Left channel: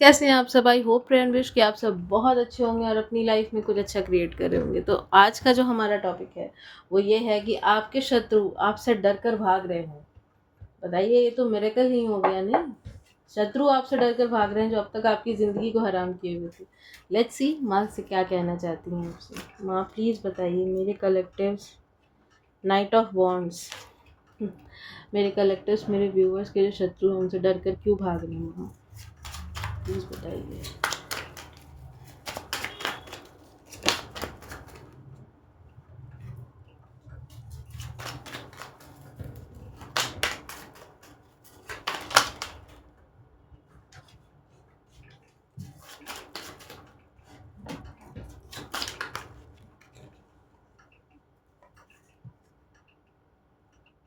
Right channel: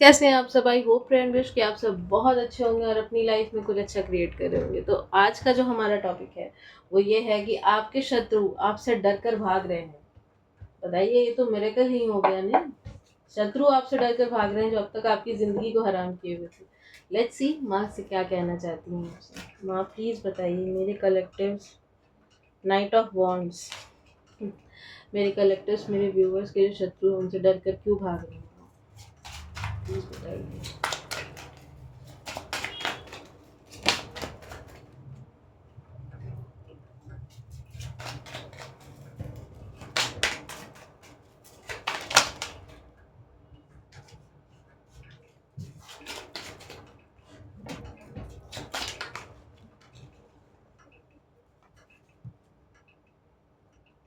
कैसे हैं आप सब? आई होप एंड विश कि आप सब बहुत अच्छे होंगे और अपनी लाइफ में कुछ अच्छा क्रिएट कर रहे होंगे। तो आज का जो हमारा टॉपिक है वो ये है कि आपके शत्रु आपसे डर कर भाग रहे हैं। बताइए, ये तो मिरेकल ही हो गया नहीं? शत्रु आपसे डर कर भाग रहे हैं जो अब तक आपकी ज़िंदगी को हराम किए हुए थे। लेट्स सी माँ से क्या कहना चाहती हैं आपसे। माँ प्लीज़ बताइए, मेरे कलेक्टिव्स नाइट ऑफ वॉन्ड्स, मेरे कलेक्टिव्स, मेरे व्यूअर्स के जो शत्रु हैं उनसे डर कर क्यों भाग रहे हैं माँ? प्लीज़ बताइए।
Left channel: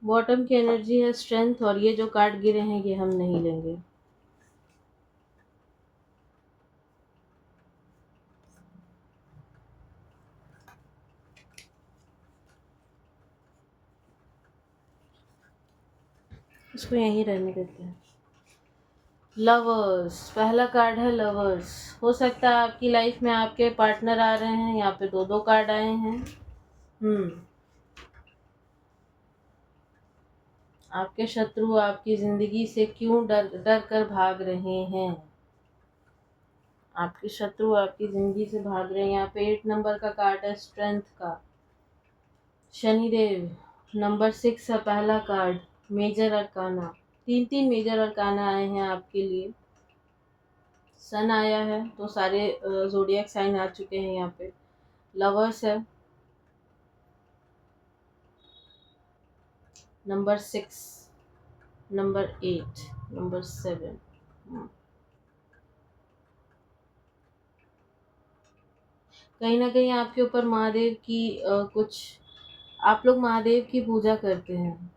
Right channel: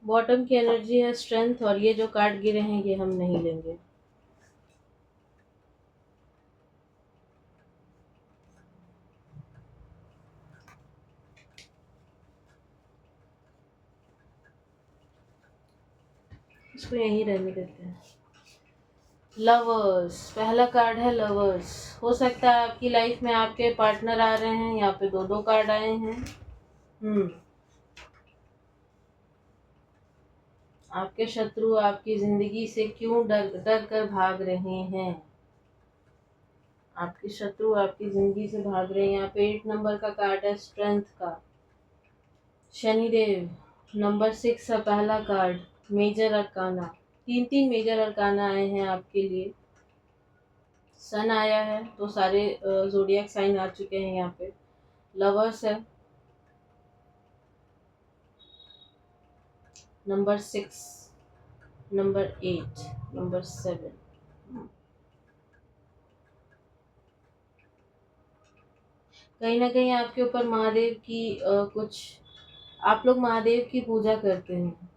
बॉटम की एनर्जी है स्ट्रेंथ, और ये जो कार्ड गिरे हैं ये हम नहीं लेंगे। इसको यहीं रहने देते हैं। लवर्स, पहला कार्ड है लवर्स। हो सकता है आपकी लाइफ में आपके पार्टनर आ रहे हैं। यहाँ पे दो दो कार्ड आए हैं। आपके शत्रु आपकी जिंदगी से क्यों डर डर कर भाग रहे हैं? आपके शत्रु आपकी जिंदगी से भाग रहे हैं। यहाँ पे 8 नंबर का कार्ड है स्ट्रेंथ का, शनिदेव। नंबर 6 है पहला कार्ड, मेजर अरकाना। तीन तीन मेजर अरकाना आए हैं आपके लिए। सन आया है, तो सारे जोडियक साइन आ चुके हैं यहाँ पे। लवर्स है नंबर 6, नंबर 8, नंबर 7। कहीं ना कहीं आपके ऊपर महादेव की कुछ, आप लोग महादेव की पूजा करते हैं।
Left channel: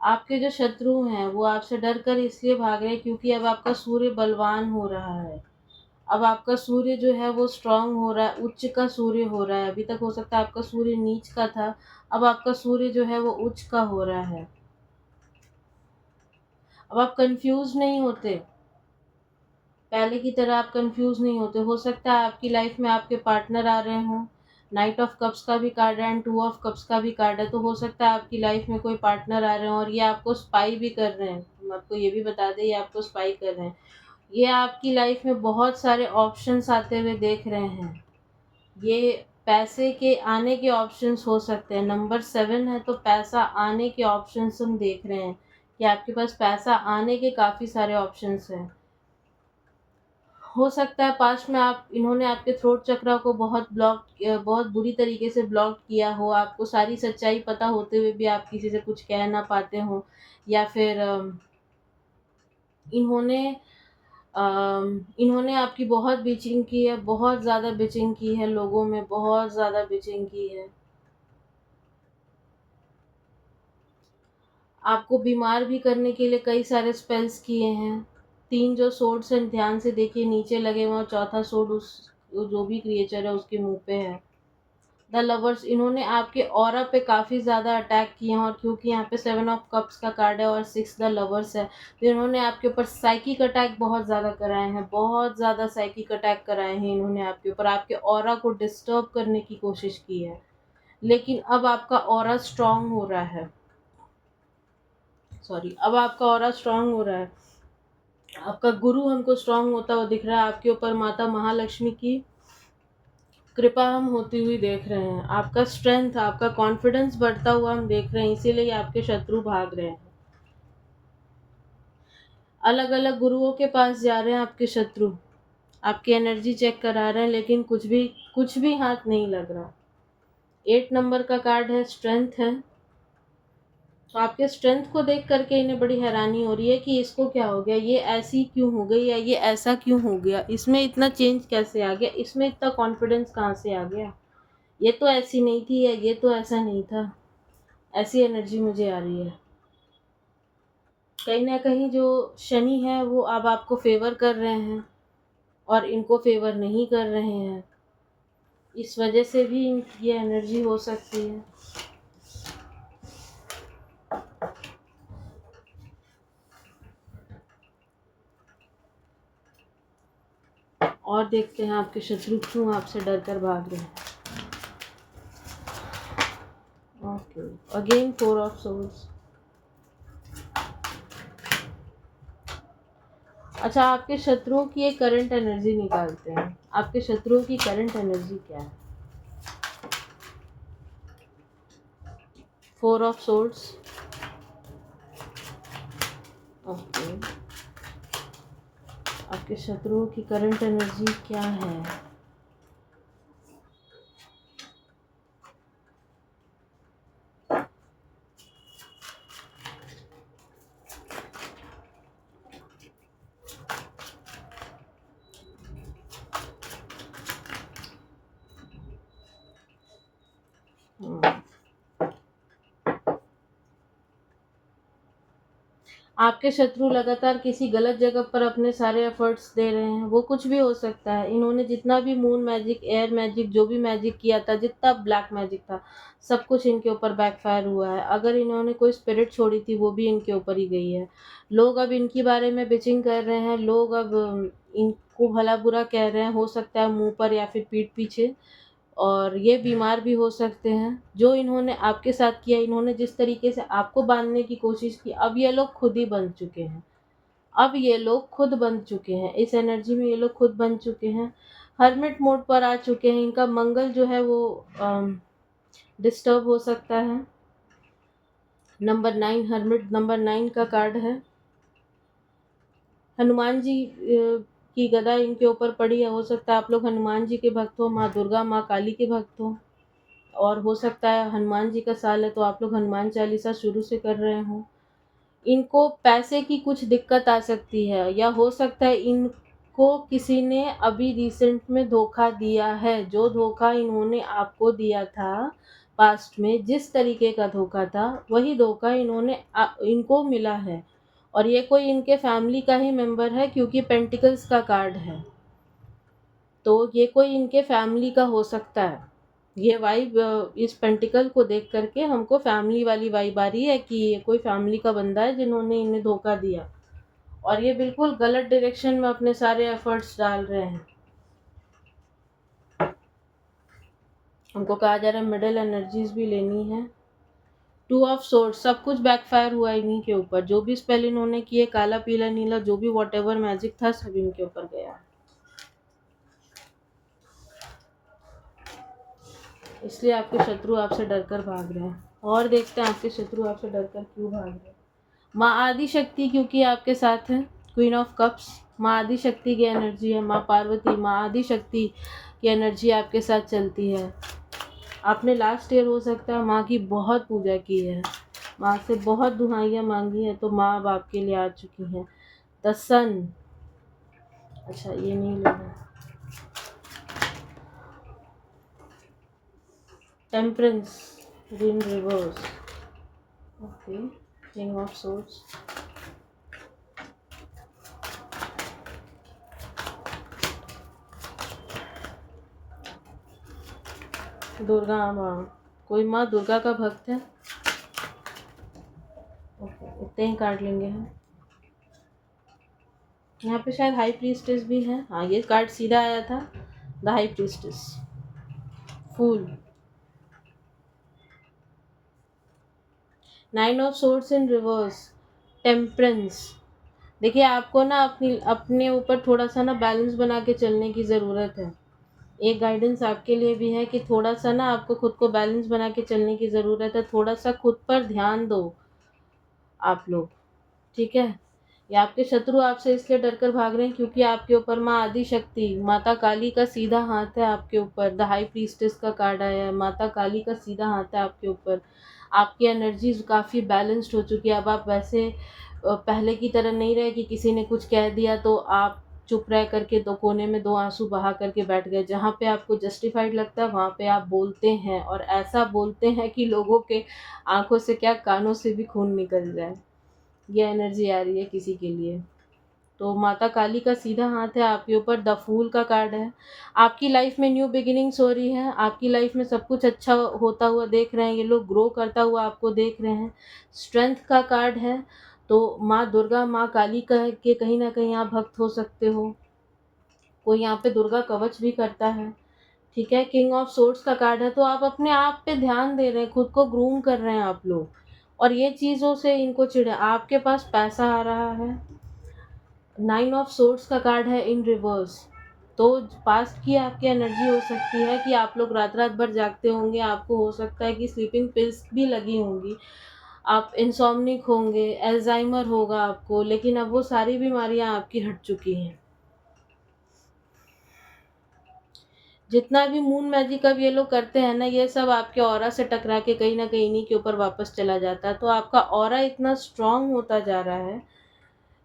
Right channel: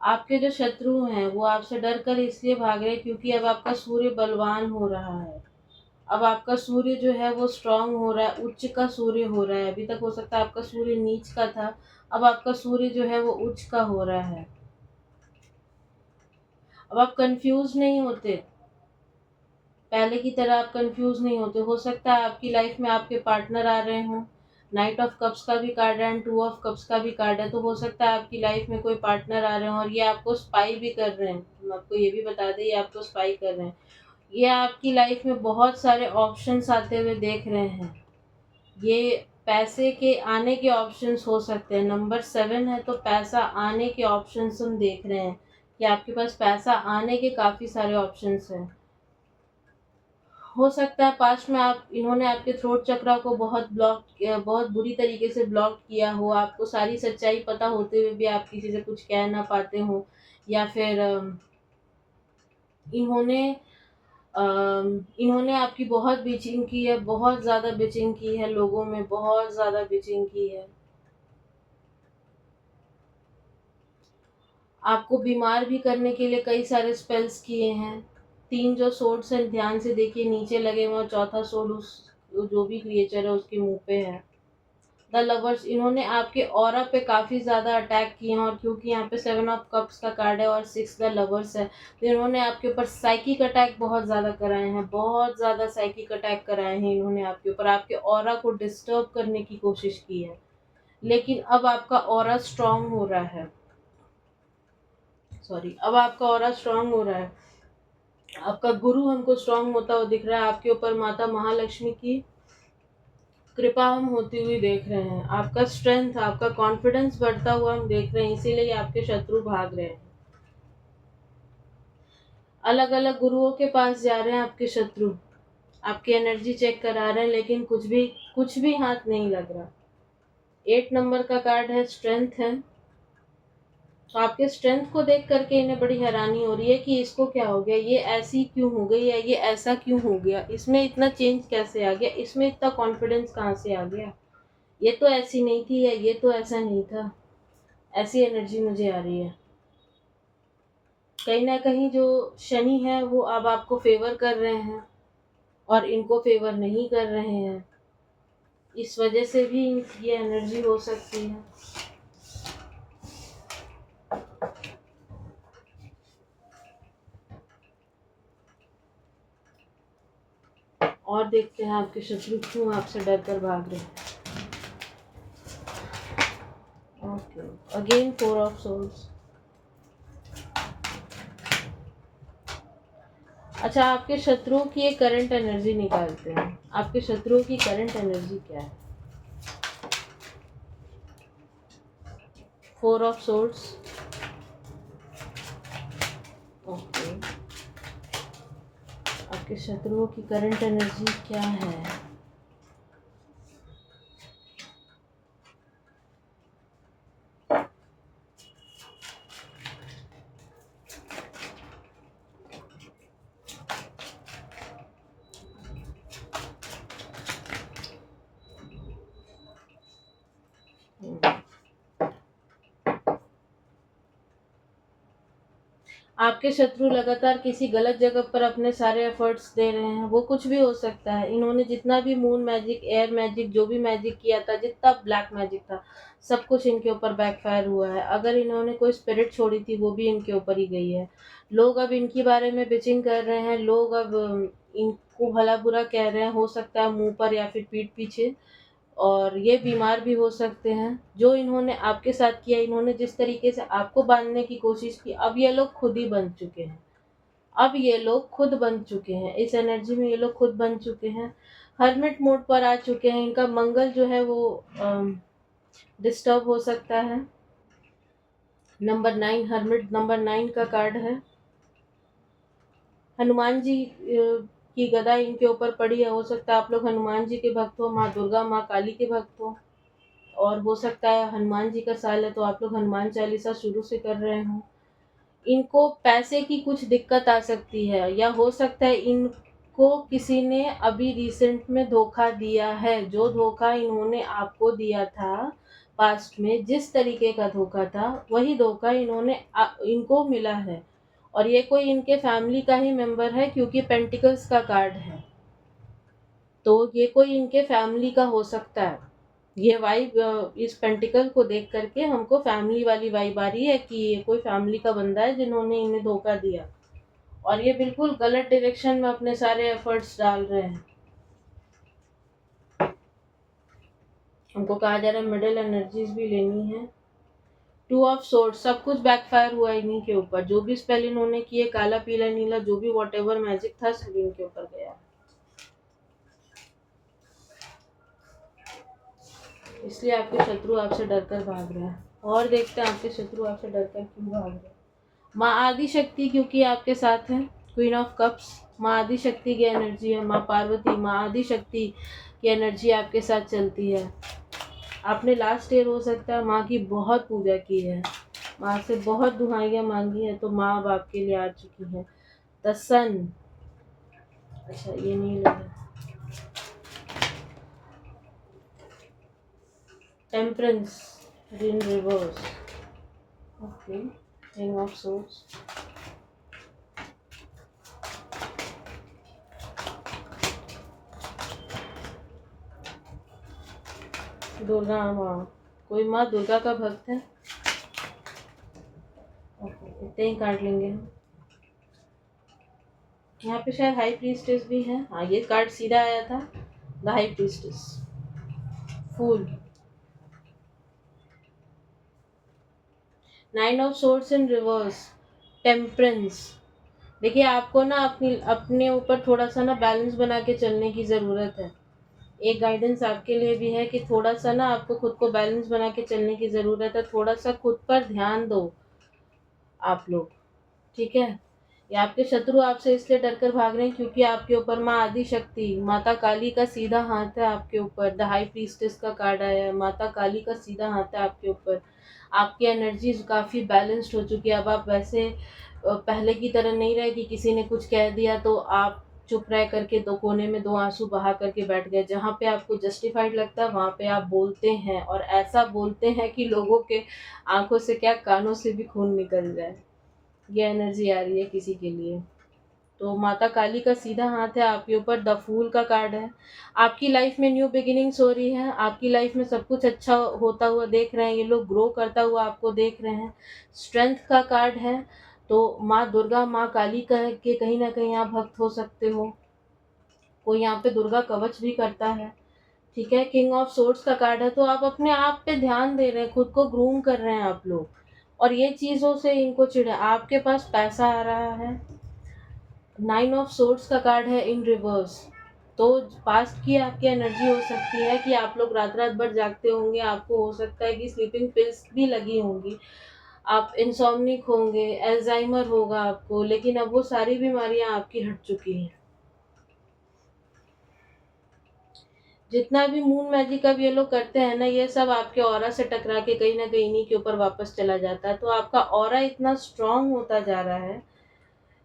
आपके जो शत्रु हैं वो आपसे डर कर इसलिए भाग रहे हैं क्योंकि अब आपका सूर्य बलवान हो रहा है। अब आपका सूर्य जो है वो स्ट्रांग हो रहा है, उच्च का सूर्य हो रहा है। अभी तक हो सकता है आपका सूर्य नीच का था, अब आपका सूर्य जो है वो उच्च का हो रहा है। अब आप कंफ्यूज नहीं होते, पहले की तरह आप कंफ्यूज नहीं होते। हो सकता है आपकी लाइफ में आपके पार्टनर आ रहे हों। नाइट ऑफ कप्स का भी कार्ड है एंड 2 ऑफ कप्स का भी कार्ड है, तो हो सकता है आपकी लाइफ में कोई पार्टनर आ रहे हों और ये आपको स्पाई भी कर रहे हैं। हम आपको ये भी बता दें, ये आपको स्पाई कर रहे हैं। ये आपकी लाइफ में बहुत सारे ऑप्शंस आते हुए देख रहे हैं। ये पैसे के आने के ऑप्शंस हो सकते हैं। नंबर 7 है, तो पैसा आने के ऑप्शंस हम देख रहे हैं कि आपके पास पैसा आने के काफ़ी सारे ऑप्शंस हैं। हो सकता है पास्ट में आप इन्होंने आपके थ्रोट चक्रा को बहुत बुरी तरीके से ब्लॉक किया हो। आपको सारी सच्चाई पता होते हुए भी आप किसी से कुछ कह ना पाते हो, या फिर इन्होंने इन्होंने आपकी बहुत बिचिंग की है, बहुत ज़्यादा बिचिंग की है, लोगों में बहुत ज़्यादा बिचिंग की है। आपको बीमार भी करने के लिए कई सारे स्पेल्स किए हैं। 3 जो सोर्ड्स हैं ध्यान से देखिए नीचे लगे हुए हैं, चौथा सोर्ड उस जो भी क्रिएचर है उसके मुंह पे है। द लवर्स, इन्होंने आपके ऑरा पे काफ़ी ज़्यादा अटैक किए हैं, और क्योंकि यहाँ पे 7 ऑफ कप्स का कार्ड है और 6 द लवर्स है, तो इन्होंने आपके ऊपर साइकिक अटैक बहुत ज़्यादा कराए हैं। बहुत ज़्यादा साइकिक अटैक कराए हैं इन्होंने आपके ऊपर, आपके ऑरा को डिस्टर्ब करने की कोशिश की है। लेकिन अब आपका ऑरा स्ट्रांग हो रहा है। अब आपका ऑरा स्ट्रांग हो रहा है। आपका गुरु हमको स्ट्रांग होता हुआ दिख रहा है। आपके ऊपर माता महालक्ष्मी की कृपा हम होती हुई देख रहे हैं। आपका स्ट्रेंथ, आपका कॉन्फिडेंस बढ़ता हुआ हम देख रहे हैं, इसीलिए आपके शत्रु भाग रहे हैं। अलग अलग गुरुओं के पास जा रहे हैं आपके शत्रु, आपकी एनर्जी चेक करा रहे हैं, लेकिन कुछ भी हाथ नहीं लग रहा। 8 नंबर का कार्ड है, स्ट्रेंथ है। तो आपके स्ट्रेंथ को देख करके इन्हें बड़ी हैरानी हो रही है कि इसको क्या हो गया, ये ऐसी क्यों हो गई, या ये ऐसा क्यों हो गया, इसमें इतना चेंज कैसे आ गया, इसमें इतना कॉन्फिडेंस कहाँ से आ गया, ये तो ऐसी नहीं थी, या ये तो ऐसा नहीं था। ऐसी एनर्जी मुझे आ रही है। कहीं ना कहीं जो शनि है वो अब आपको फेवर कर रहे हैं और इनको फेवर नहीं कर रहे हैं। इस वजह से भी ये एनर्जी हो सकती है। और देखते हैं आपके शत्रु क्यों आपसे डर कर भाग रहे हैं। Okay, again 4 of swords. अच्छा, आपके शत्रुओं की एक करंट एनर्जी निकालते हैं। आपके शत्रुओं की करंट एनर्जी क्या है? 4 ऑफ सोर्ड्स। ओके, आपके शत्रुओं की करंट एनर्जी क्या है? आपके शत्रु लगातार किसी गलत जगह पर अपने सारे एफर्ट्स दे रहे हैं। वो कुछ भी हो सकता है। इन्होंने जितना भी मून मैजिक, एयर मैजिक, जो भी मैजिक किया था, जितना ब्लैक मैजिक था, सब कुछ इनके ऊपर बैकफायर हुआ है। अगर इन्होंने कोई स्पिरिट छोड़ी थी, वो भी इनके ऊपर ही गई है। लोग अब इनके बारे में बिचिंग कर रहे हैं। लोग अब इनको भला बुरा कह रहे हैं, हो सकता है मुंह पर या फिर पीठ पीछे। और ये बीमार भी हो सकते हैं। जो इन्होंने आपके साथ किया, इन्होंने जिस तरीके से आपको बांधने की कोशिश की, अब ये लोग खुद ही बन चुके हैं। अब ये लोग खुद बन चुके हैं। इस एनर्जी में ये लोग खुद बन चुके हैं। हर्मिट मोड पर आ चुके हैं। इनका मंगल जो है वो डिस्टर्ब हो सकता है। नंबर 9, हर्मिट नंबर 9 का कार्ड है। हनुमान जी की गदा इनके ऊपर पड़ी है। हो सकता है आप लोग हनुमान जी के भक्त हो, माँ दुर्गा, माँ काली के भक्त हो। और हो सकता है हनुमान जी का साल है तो आप लोग हनुमान चालीसा शुरू से कर रहे हो। इनको पैसे की कुछ दिक्कत आ सकती है, या हो सकता है इनको किसी ने अभी रिसेंट में धोखा दिया है। जो धोखा इन्होंने आपको दिया था पास्ट में, जिस तरीके का धोखा था, वही धोखा इनको मिला है। और ये कोई इनके फैमिली का ही मेंबर है, क्योंकि पेंटिकल्स का कार्ड है। तो ये कोई इनके फैमिली का हो सकता है। ये वाइब, इस पेंटिकल को देख करके हमको फैमिली वाली वाइब आ रही है कि ये कोई फैमिली का बंदा है जिन्होंने इन्हें धोखा दिया। और ये बिल्कुल गलत डायरेक्शन में अपने सारे एफर्ट्स डाल रहे हैं। हमको कहा जा रहा है मिडिल एनर्जीज भी लेनी है। 2 ऑफ सोर्ड्स, सब कुछ बैकफायर हुआ इन्हीं के ऊपर। जो भी स्पेल इन्होंने किए, काला पीला नीला, जो भी वॉट एवर मैजिक था, सब इनके ऊपर गया। इसलिए आपके शत्रु आपसे डर कर भाग रहे हैं। और देखते हैं आपके शत्रु आपसे डर कर क्यों भाग रहे हैं। माँ आदि शक्ति क्योंकि आपके साथ है। क्वीन ऑफ कप्स, माँ आदि शक्ति की एनर्जी है। माँ पार्वती, माँ आदि शक्ति की एनर्जी आपके साथ चलती है। आपने लास्ट ईयर हो सकता है माँ की बहुत पूजा की है, माँ से बहुत दुहाइयाँ मांगी है, तो माँ अब आपके लिए आ चुकी हैं। द सन, अच्छा ये नहीं लगा। Temperance in reverse. Okay, king of swords. Durga माँ, कोई माँ दुर्गा का भक्त है। इतने ही कार्ड लेंगे हम। यहाँ पे शायद हाई प्रीस्टेस भी है। हाँ, ये कार्ड सीधा आया था, the high priestess. Fool, 9 of swords in reverse. Temperance, देखिए आपको ना अपने ऊपर थोड़ा सा ना बैलेंस बना के चलने की ज़रूरत है। एक गाइडेंस आपके लिए भी है कि थोड़ा सा ना आपको खुद को बैलेंस बना के चलने की ज़रूरत है। थोड़ा सा खुद पर ध्यान दो आप लोग, ठीक है। ये आपके शत्रु आपसे इसलिए डर कर भाग रहे हैं क्योंकि आपके ऊपर माँ आदि शक्ति, माता काली का सीधा हाथ है आपके ऊपर। द हाई प्रीस्टेस का कार्ड आया है, माता काली का सीधा हाथ है आपके ऊपर। आपकी एनर्जीज काफ़ी बैलेंस्ड हो चुकी है। अब आप वैसे पहले की तरह नहीं रहे कि किसी ने कुछ कह दिया तो आप चुप रह करके दो कोने में दो आंसू बहा करके बैठ गए। जहाँ पे आपको जस्टिफाइड लगता है वहाँ पे आप बोलते हैं, और ऐसा बोलते हैं कि लोगों के आंखों से क्या, कानों से भी खून निकल जाए। ये एनर्जी आ रही है किसी के लिए। तो माता काली का सीधा हाथ है आपके ऊपर, द फूल का कार्ड है। आपकी लाइफ में न्यू बिगिनिंग्स हो रही है, आपकी लाइफ में सब कुछ अच्छा होता हुआ देख रहे हैं, ये लोग ग्रो करता हुआ आपको देख रहे हैं। स्ट्रेंथ का कार्ड है, तो माँ दुर्गा, माँ काली का के कहीं ना कहीं आप भक्त हो सकते हो। कोई यहाँ पे दुर्गा कवच भी करता है, ठीक है। किंग ऑफ सोर्ड्स का कार्ड है, तो आप अपने आप पे ध्यान दे रहे हैं, खुद को ग्रूम कर रहे हैं आप लोग, और ये चीज़ों से इनको चिढ़े। आपके पास पैसा आ रहा है। नाइन ऑफ सोर्ड्स का कार्ड है इन रिवर्स, तो पास्ट की आपकी एनर्जी हो सकती है कि आप लोग रात रात भर जागते होंगे, आपको हो सकता है कि स्लीपिंग पिल्स भी लगी होंगी, आप इंसोम्निक होंगे, एल्जाइमर होगा आपको, लेकिन अब वो सारी बीमारियां आपकी हट चुकी हैं। जितना भी मून मैजिक अब ये लोग करते हैं ना, ये सब आपके ऑरा से टकरा के कहीं ना कहीं इन्हीं के ऊपर वापस चला जाता है। तो आपका ऑरा इतना स्ट्रांग होता जा रहा है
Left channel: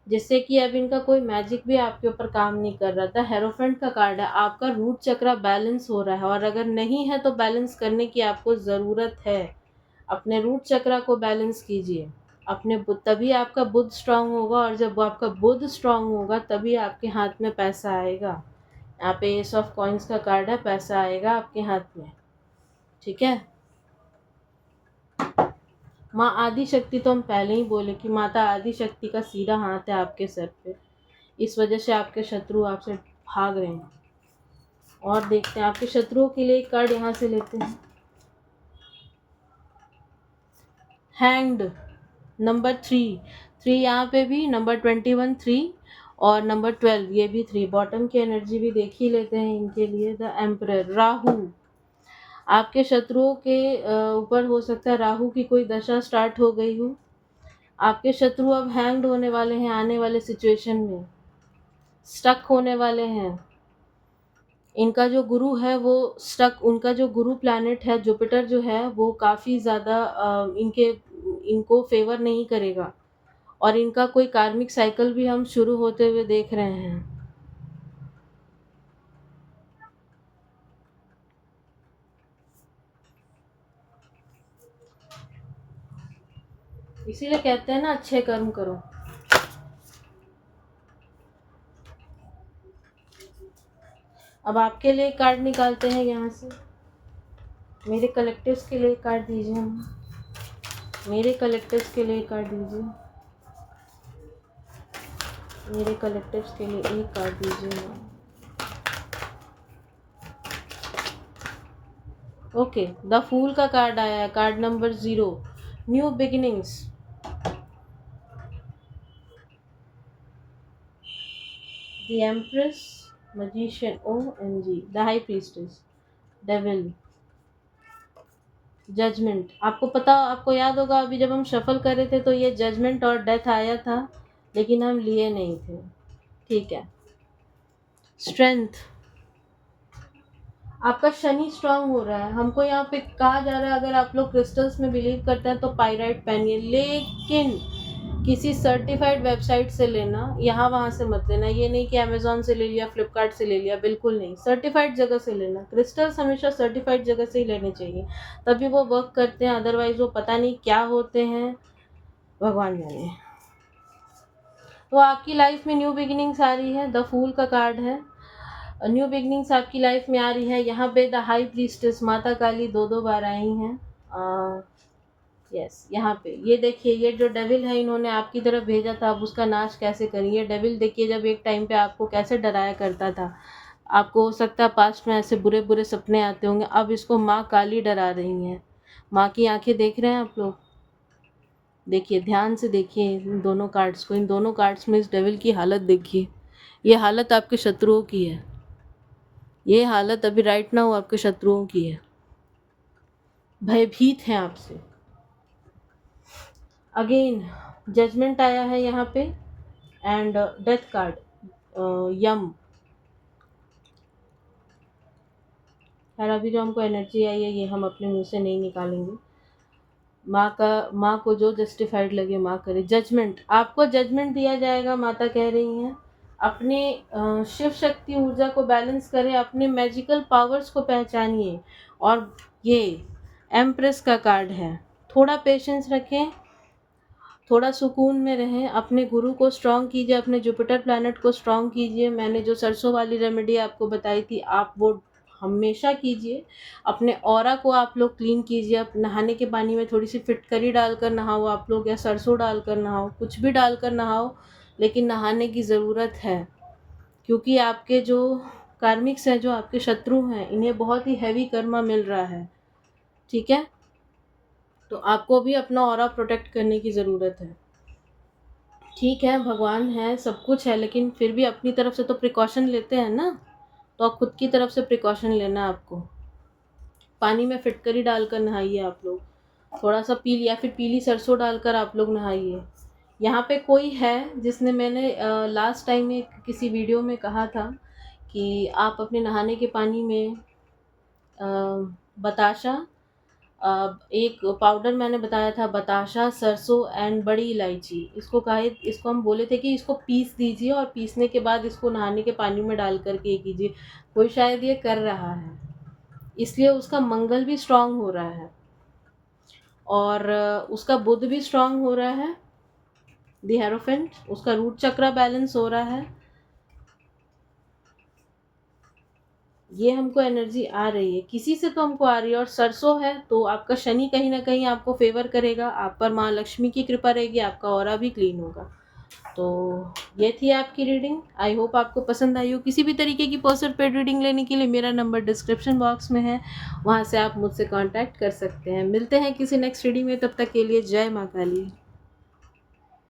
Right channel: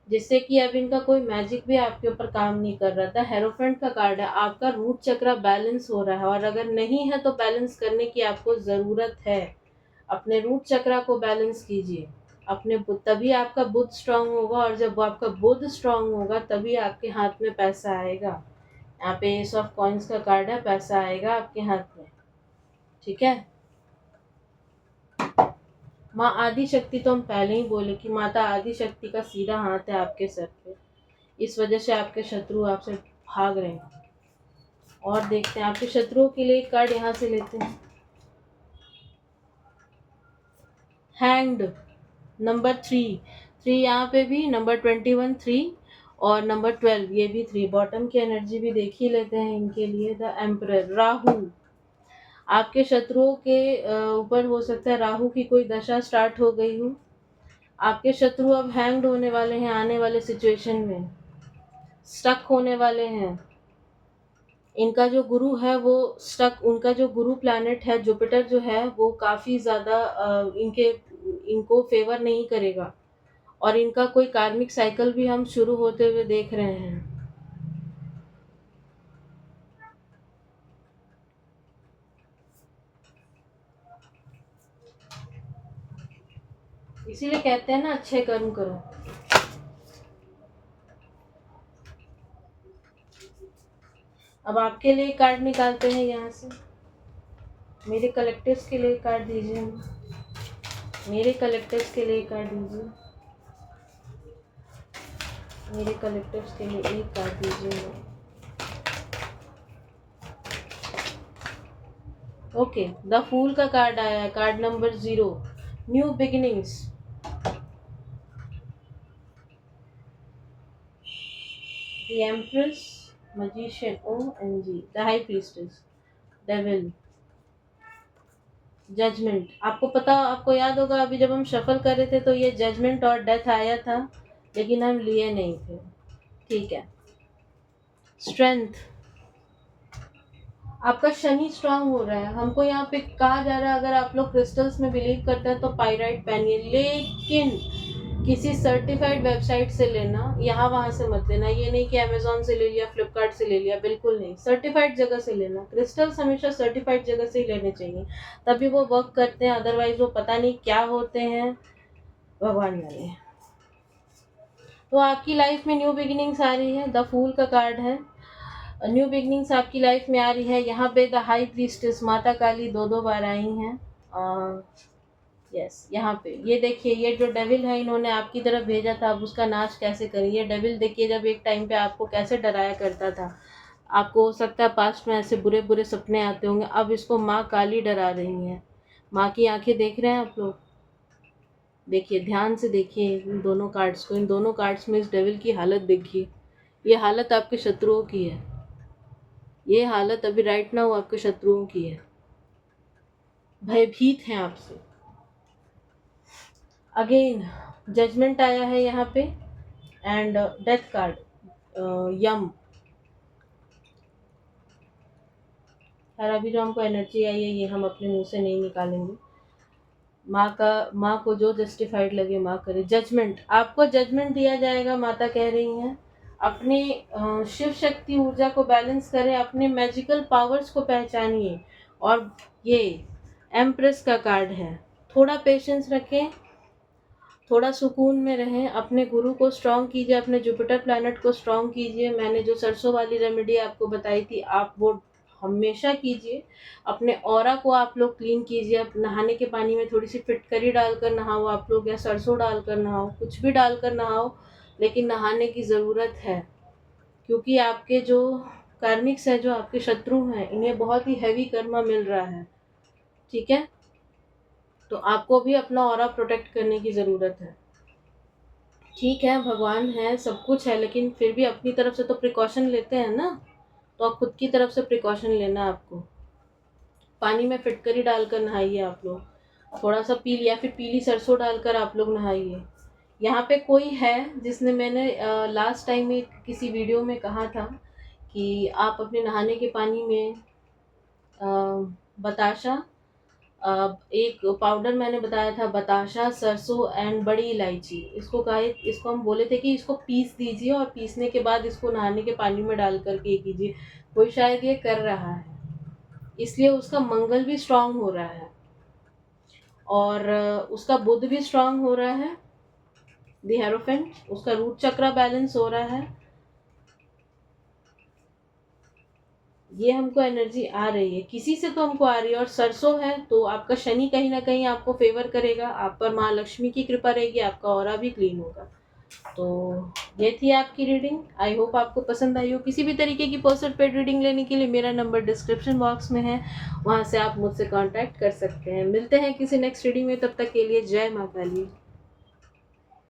जिससे कि अब इनका कोई मैजिक भी आपके ऊपर काम नहीं कर रहा था। हेरोफेंट का कार्ड है, आपका रूट चक्र बैलेंस हो रहा है, और अगर नहीं है तो बैलेंस करने की आपको ज़रूरत है। अपने रूट चक्र को बैलेंस कीजिए, अपने तभी आपका बुद्ध स्ट्रांग होगा, और जब आपका बुद्ध स्ट्रांग होगा तभी आपके हाथ में पैसा आएगा। यहाँ पे एस ऑफ कॉइन्स का कार्ड है, पैसा आएगा आपके हाथ में, ठीक है। माँ आदि शक्ति, तो हम पहले ही बोले कि माता आदि शक्ति का सीधा हाथ है आपके सर पे, इस वजह से आपके शत्रु आपसे भाग रहे हैं। और देखते हैं आपके शत्रुओं के लिए एक कार्ड यहाँ से लेते हैं। हैंग्ड, नंबर 3, 3 यहाँ पे भी, नंबर 21 3, और नंबर 12 ये भी 3। बॉटम की एनर्जी भी देख ही लेते हैं इनके लिए। द एम्परर, राहु, आपके शत्रुओं के ऊपर हो सकता है राहु की कोई दशा स्टार्ट हो गई हो। आपके शत्रु अब हैंग्ड होने वाले हैं, आने वाले सिचुएशन में स्टक होने वाले हैं। इनका जो गुरु है वो स्टक, उनका जो गुरु प्लैनेट है जुपिटर जो है वो काफ़ी ज़्यादा इनको फेवर नहीं करेगा, और इनका कोई कार्मिक साइकिल भी हम शुरू होते हुए देख रहे हैं। इसीलिए कहते हैं ना, अच्छे कर्म करो। अब आपके लिए कार्ड निकालते हैं यहाँ से, मेरे कलेक्टिव्स के लिए कार्ड दीजिए हमें, मेरे कलेक्टिव्स के लिए कार्ड दीजिए, मेरे कलेक्टिव्स के लिए एक कार्ड दीजिए। ओके, द फूल का कार्ड आया है, card number 0, new beginnings. The empress, magician, OMG, the high priestess, devil, judgment. आपको पता, आपको याद होगा अभी जब हम शफल कर रहे थे तो ये जजमेंट और डेथ आया था, लेकिन हम लिए नहीं थे, ठीक है। स्ट्रेंथ, आपका शनि स्ट्रांग हो रहा है। हमको यहाँ पे कहा जा रहा है अगर आप लोग क्रिस्टल्स में बिलीव करते हैं तो पाइराइट पहनिए, लेकिन किसी सर्टिफाइड वेबसाइट से लेना, यहाँ वहाँ से मत लेना। ये नहीं कि अमेजोन से ले लिया, फ्लिपकार्ट से ले लिया, बिल्कुल नहीं। सर्टिफाइड जगह से लेना, क्रिस्टल्स हमेशा सर्टिफाइड जगह से ही लेने चाहिए, तभी वो वर्क करते हैं, अदरवाइज वो पता नहीं क्या होते हैं, भगवान जाने। तो आपकी लाइफ में न्यू बिगिनिंग्स आ रही है, द फूल का कार्ड है। न्यू बिगनिंग्स आपकी लाइफ में आ रही है। यहाँ पे द हाई प्रीस्टेस माता काली दो बार आई हैं। यस, यहाँ पे ये देखिए, ये जो डेविल है इन्होंने आपकी तरफ भेजा था, अब उसका नाश कैसे करें। ये डेविल देखिए, जब एक टाइम पे आपको कैसे डराया करता था, आपको हो सकता है पास्ट में ऐसे बुरे बुरे सपने आते होंगे, अब इसको माँ काली डरा रही हैं। माँ की आंखें देख रहे हैं आप लोग, देखिए ध्यान से देखिए इन दोनों कार्ड्स को, इन दोनों कार्ड्स में इस डेविल की हालत देखिए। ये हालत आपके शत्रुओं की है, ये हालत अभी राइट नाउ आपके शत्रुओं की है, भयभीत हैं आपसे। अगेन जजमेंट आया है यहाँ पे, एंड डेथ कार्ड, यम। खैर अभी जो हमको एनर्जी आई है ये हम अपने मुंह से नहीं निकालेंगे। माँ को जो जस्टिफाइड लगे माँ करे। जजमेंट, आपको जजमेंट दिया जाएगा, माता कह रही हैं। अपने शिव शक्ति ऊर्जा को बैलेंस करें, अपने मैजिकल पावर्स को पहचानिए। और ये एम्प्रेस का कार्ड है, थोड़ा पेशेंस रखें, थोड़ा सुकून में रहें, अपने गुरु को स्ट्रॉन्ग कीजिए, अपने जुपिटर प्लैनेट को स्ट्रॉन्ग कीजिए। मैंने जो सरसों वाली रेमेडी आपको बताई थी, आप वो हमेशा कीजिए। अपने ऑरा को आप लोग क्लीन कीजिए। अब नहाने के पानी में थोड़ी सी फिटकरी डालकर नहाओ आप लोग, या सरसों डालकर नहाओ, कुछ भी डालकर नहाओ, लेकिन नहाने की ज़रूरत है। क्योंकि आपके जो कार्मिक्स हैं, जो आपके शत्रु हैं, इन्हें बहुत ही हैवी कर्मा मिल रहा है। ठीक है, तो आपको भी अपना ऑरा प्रोटेक्ट करने की ज़रूरत है। ठीक है, भगवान है, सब कुछ है, लेकिन फिर भी अपनी तरफ से तो प्रिकॉशन लेते हैं ना। तो आप खुद की तरफ से प्रिकॉशन लेना। आपको पानी में फिटकरी डालकर नहाइए आप लोग, थोड़ा सा पीली या फिर पीली सरसों डालकर आप लोग नहाइए। यहाँ पे कोई है जिसने, मैंने लास्ट टाइम में किसी वीडियो में कहा था कि आप अपने नहाने के पानी में अ, बताशा, एक पाउडर मैंने बताया था, बताशा, सरसों एंड बड़ी इलायची, इसको हम बोले थे कि इसको पीस दीजिए और पीसने के बाद इसको नहाने के पानी में डाल करके ये कीजिए। कोई शायद ये कर रहा है, इसलिए उसका मंगल भी स्ट्रांग हो रहा है और उसका बुध भी स्ट्रांग हो रहा है। दी हेरोफेंट, उसका रूट चक्र बैलेंस हो रहा है। ये हमको एनर्जी आ रही है, किसी से तो हमको आ रही है। और सरसों है तो आपका शनि कहीं ना कहीं आपको फेवर करेगा, आप पर माँ लक्ष्मी की कृपा रहेगी, आपका ऑरा भी क्लीन होगा। तो ये थी आपकी रीडिंग। आई होप आपको पसंद आई हो। किसी भी तरीके की पर्सनल पेड रीडिंग लेने के लिए मेरा नंबर डिस्क्रिप्शन बॉक्स में है, वहाँ से आप मुझसे कांटेक्ट कर सकते हैं। मिलते हैं किसी नेक्स्ट रीडिंग में, तब तक के लिए जय माँ काली।